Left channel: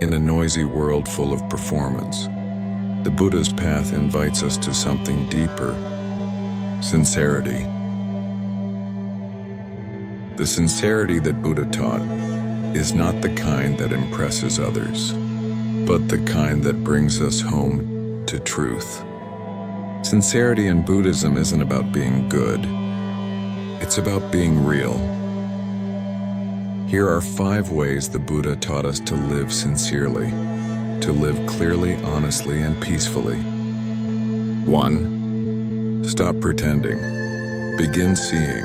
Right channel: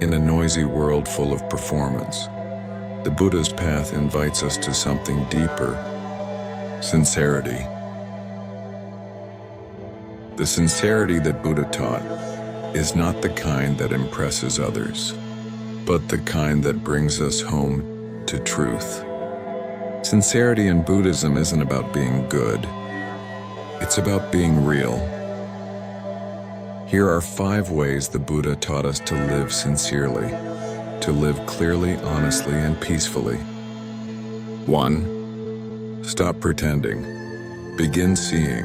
In a noisy world full of performance, the Buddha's path invites us to something deeper: sincerity. The sincerity that Buddha taught is not the kind that impresses others, but the kind that brings us home to truth. Sincerity in Buddhism isn't about being good. It's about being real. Here are 5 ways the Buddha taught us to live sincerely, to live clearly, honestly, and peacefully. 1. Stop pretending. Begin seeing.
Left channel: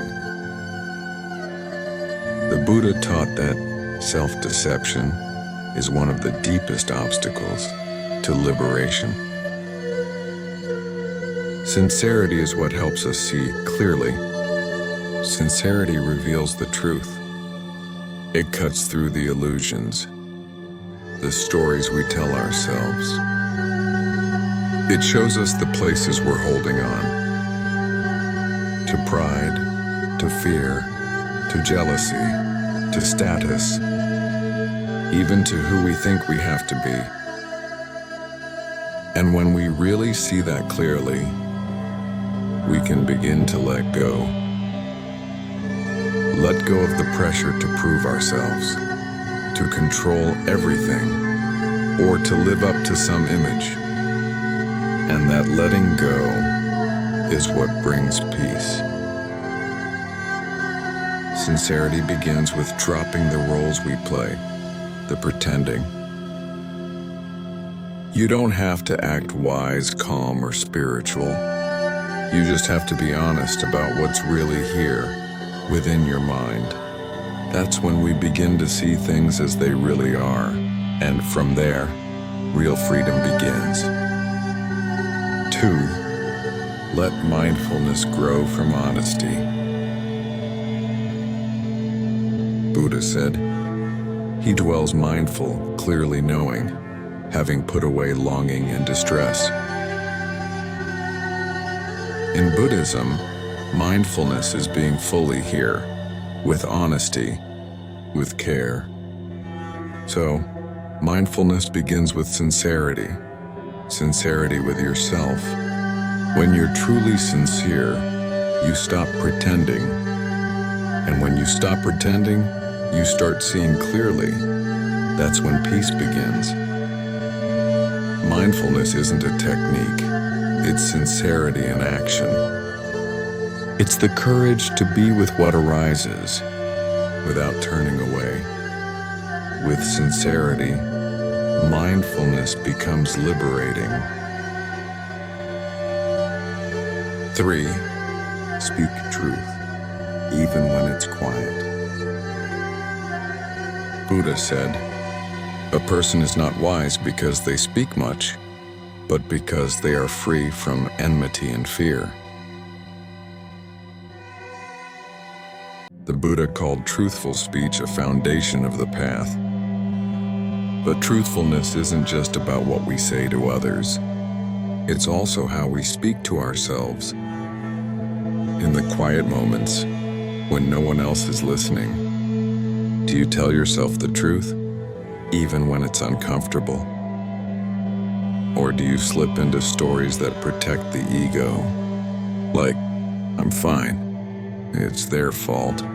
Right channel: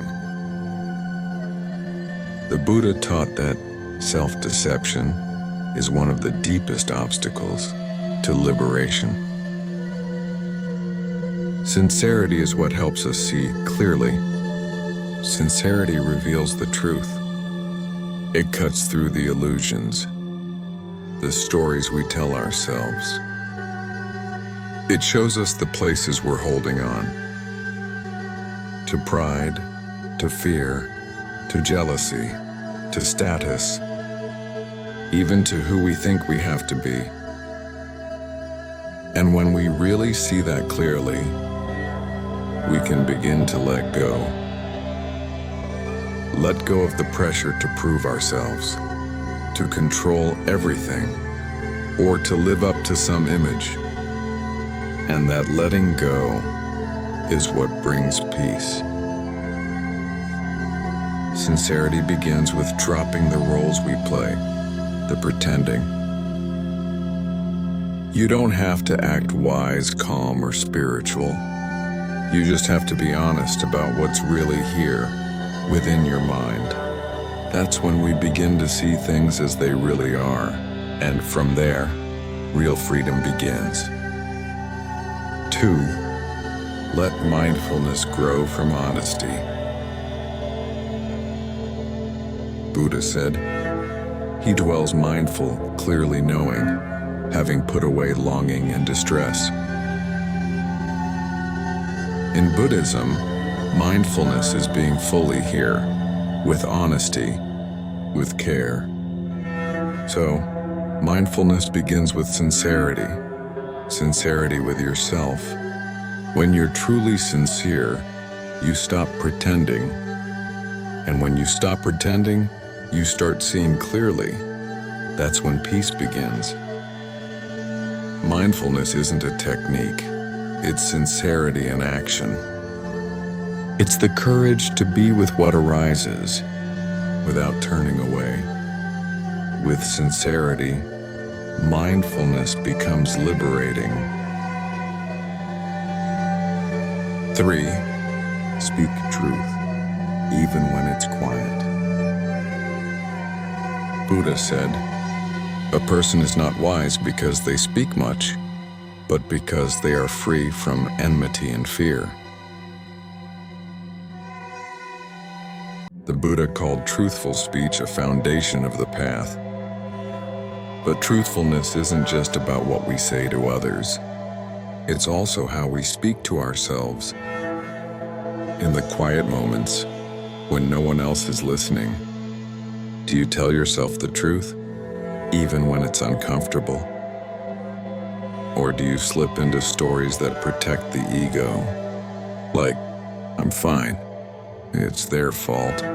The Buddha taught that self-deception is one of the deepest obstacles to liberation. Sincerity is what helps us see clearly. Sincerity reveals the truth. It cuts through the illusions, the stories we tell ourselves. It shows us the places we're holding on to pride, to fear, to jealousy, to status, even to who we think we have to be. And when we really see that clearly, we can begin to let go. Let go of the pressure to prove ourselves, to control everything, or to live up to some image. And that letting go is what brings peace. Sincerity begins with dropping the roles we play, the pretending. You don't have to act wise, calm, or spiritual. You just have to be honest about what's really here, within your mind. That's when we begin to see things as they really are, and from there, real freedom begins. 2. Let mindfulness grow from honesty. Buddha said, "He dwells mindful, clearly knowing, having put away longing and distress." In Buddhism, mindfulness is being fully here, with honesty, with care. So, mindfulness begins with sincerity, sincerity with yourself. When you're truly sincere, you stop pretending. And when you stop pretending, you start seeing clearly. That's when peace begins. Mindfulness isn't a technique, it's sincerity in action. It's the courage to be with what arises, without turning away. With sincerity, mindfulness becomes liberating. 3. Speak truth, even when it's quiet. Buddha said, "A person is not wise because they speak much, but because they are free from enmity and fear." The Buddha called truthful speech a foundation of the path. But truthfulness isn't just about what we say to others. It's also how we speak to ourselves. In the quiet moments, when no one else is listening, do you tell yourself the truth, even when it's uncomfortable? Or do you slip into stories that protect the ego? Like, "I'm fine, it's their fault."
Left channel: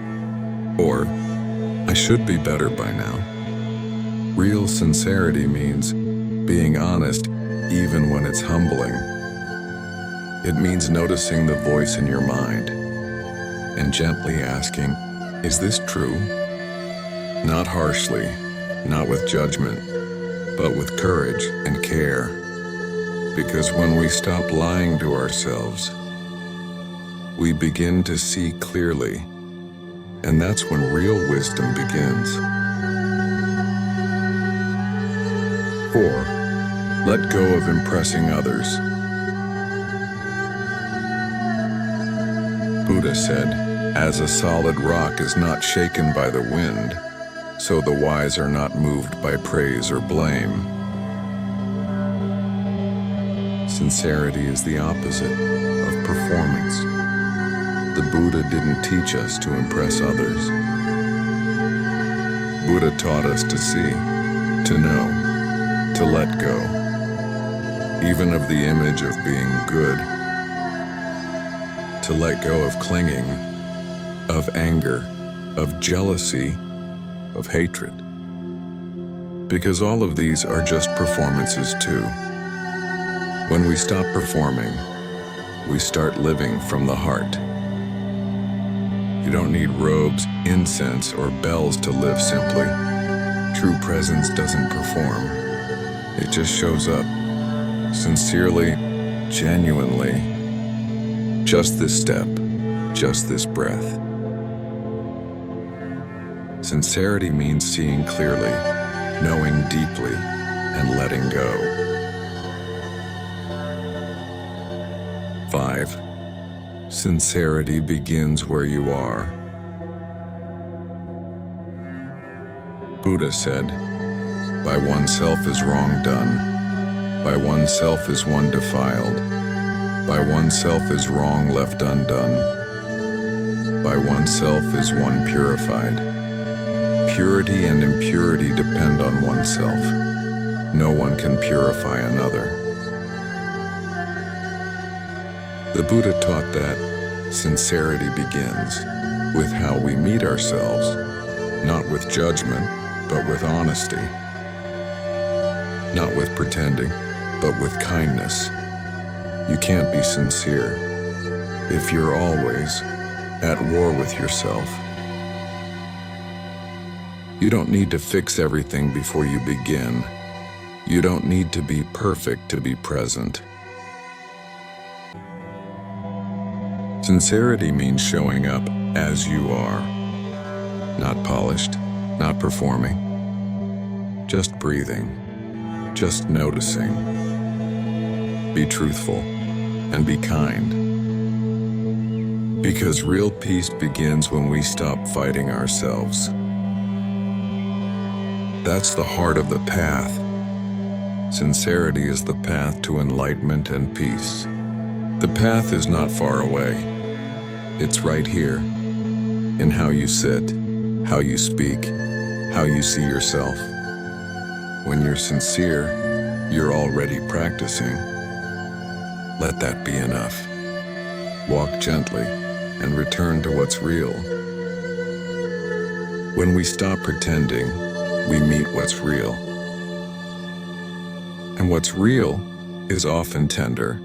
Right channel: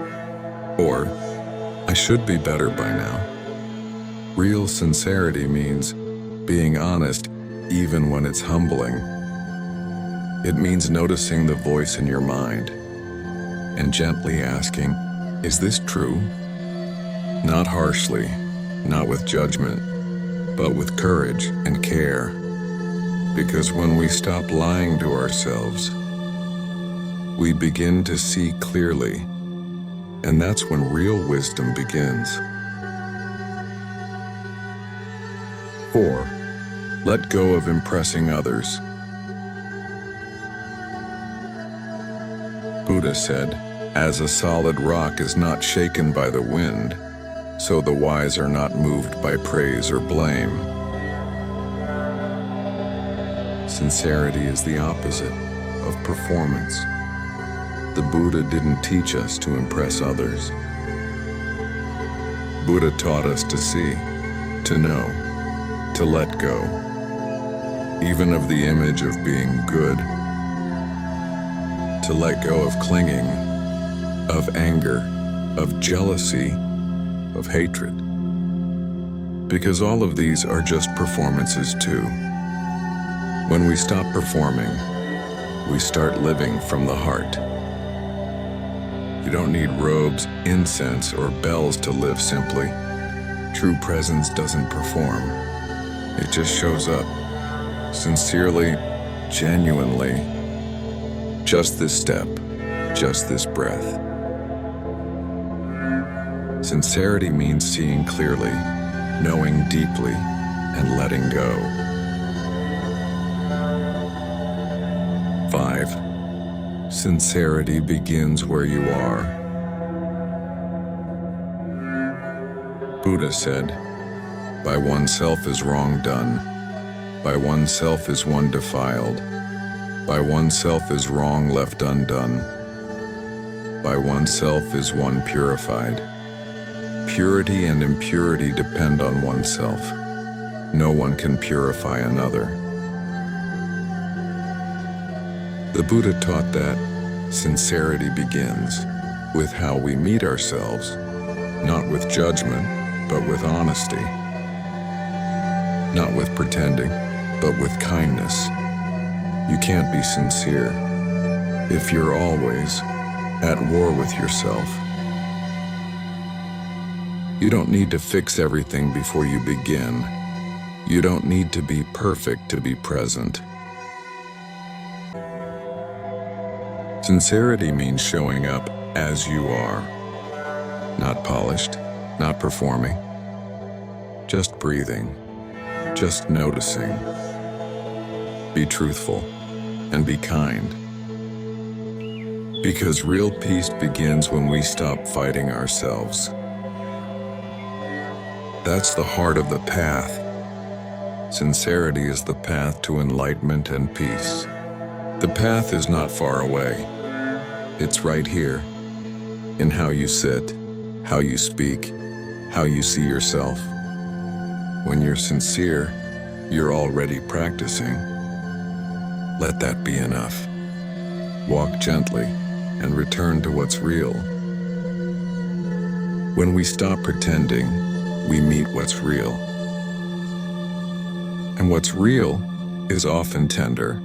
Or, "I should be better by now." Real sincerity means being honest even when it's humbling. It means noticing the voice in your mind and gently asking, "Is this true?" Not harshly, not with judgment, but with courage and care. Because when we stop lying to ourselves, we begin to see clearly. And that's when real wisdom begins. 4. Let go of impressing others. Buddha said, "As a solid rock is not shaken by the wind, so the wise are not moved by praise or blame." Sincerity is the opposite of performance. The Buddha didn't teach us to impress others. Buddha taught us to see, to know, to let go, even of the image of being good, to let go of clinging, of anger, of jealousy, of hatred. Because all of these are just performances too. When we stop performing, we start living from the heart. You don't need robes, incense, or bells to live simply. True presence doesn't perform. It just shows up, sincerely, genuinely. Just this step, just this breath. Sincerity means seeing clearly, knowing deeply, and letting go. 5. Sincerity begins where you are. Buddha said, "By oneself is wrong done. By oneself is one defiled. By oneself is wrong left undone. By oneself is one purified." Purity and impurity depend on oneself. No one can purify another. The Buddha taught that sincerity begins with how we meet ourselves, not with judgment, but with honesty. Not with pretending, but with kindness. You can't be sincere if you're always at war with yourself. You don't need to fix everything before you begin. You don't need to be perfect to be present. Sincerity means showing up as you are. Not polished, not performing. Just breathing, just noticing. Be truthful and be kind. Because real peace begins when we stop fighting ourselves. That's the heart of the path. Sincerity is the path to enlightenment and peace. The path is not far away. It's right here, in how you sit, how you speak, how you see yourself. When you're sincere, you're already practicing. Let that be enough. Walk gently and return to what's real. When we stop pretending, we meet what's real. And what's real is often tender.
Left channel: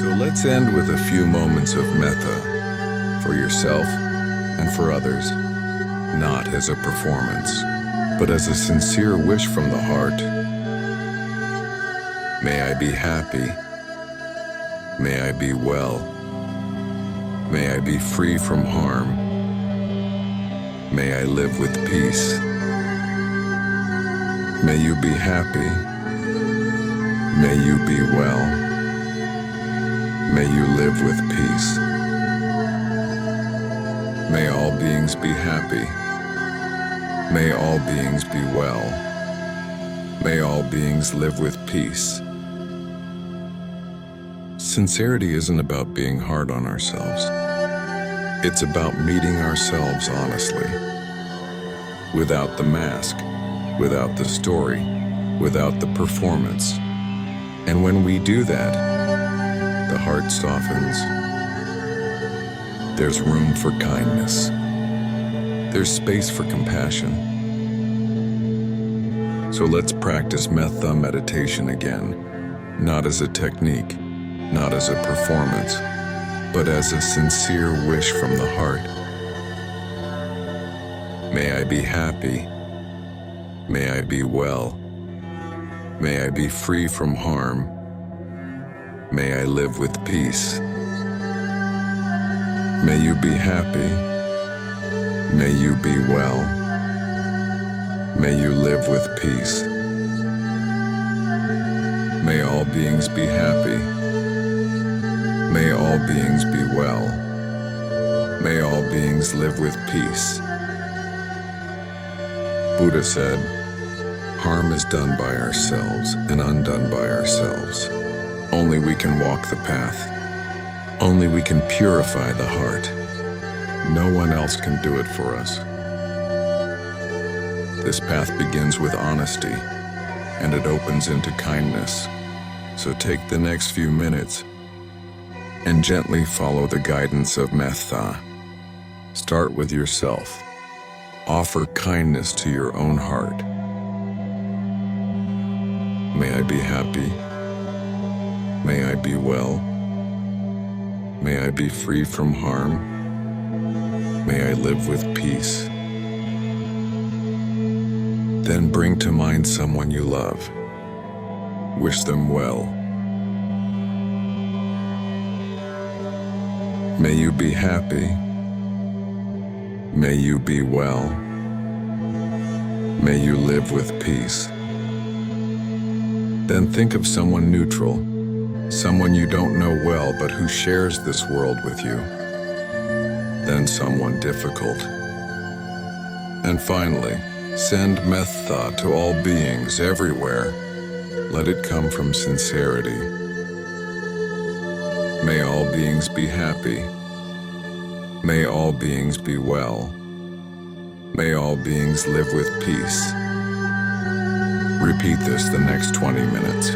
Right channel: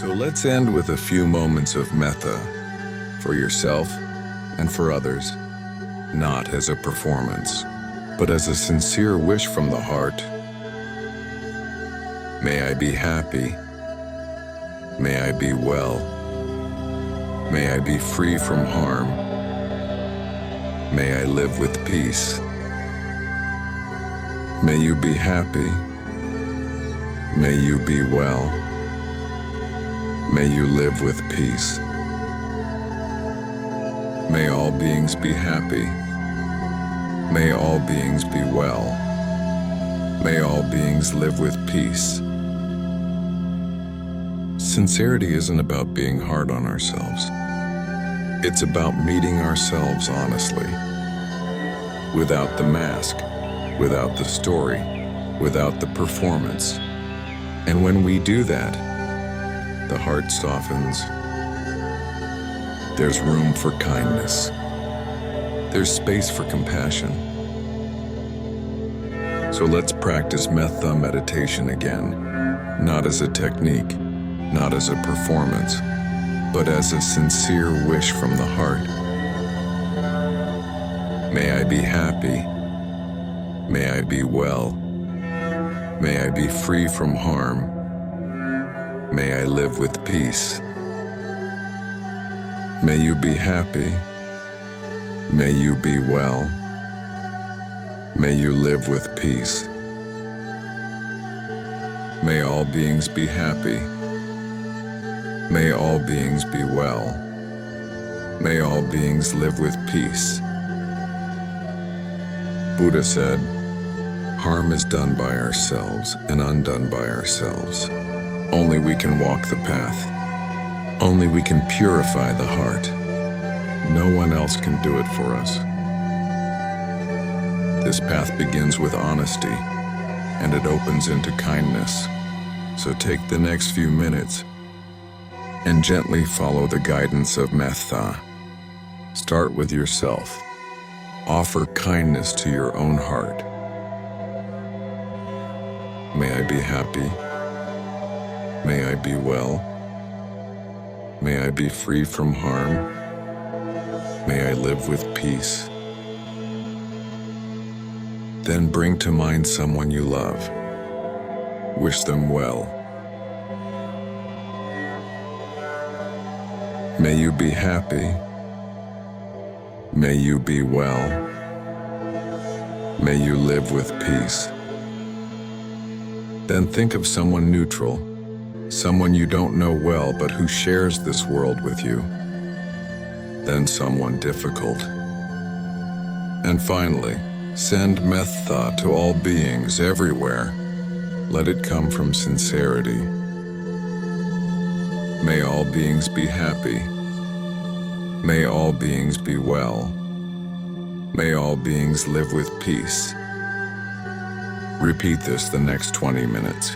So let's end with a few moments of metta for yourself and for others, not as a performance, but as a sincere wish from the heart. May I be happy. May I be well. May I be free from harm. May I live with peace. May you be happy. May you be well. May you live with peace. May all beings be happy. May all beings be well. May all beings live with peace. Sincerity isn't about being hard on ourselves. It's about meeting ourselves honestly, without the mask, without the story, without the performance. And when we do that, the heart softens. There's room for kindness. There's space for compassion. So let's practice Metta meditation again, not as a technique, not as a performance, but as a sincere wish from the heart. May I be happy. May I be well. May I be free from harm. May I live with peace. May you be happy. May you be well. May you live with peace. May all beings be happy. May all beings be well. May all beings live with peace. Buddha said, "Harm is done by ourselves and undone by ourselves. Only we can walk the path. Only we can purify the heart. No one else can do it for us." This path begins with honesty, and it opens into kindness. So take the next few minutes and gently follow the guidance of Metta. Start with yourself. Offer kindness to your own heart. May I be happy. May I be well. May I be free from harm. May I live with peace. Then bring to mind someone you love. Wish them well. May you be happy. May you be well. May you live with peace. Then think of someone neutral, someone you don't know well but who shares this world with you. Then someone difficult. And finally, send metta to all beings everywhere. Let it come from sincerity. May all beings be happy. May all beings be well. May all beings live with peace. Repeat this the next 20 minutes.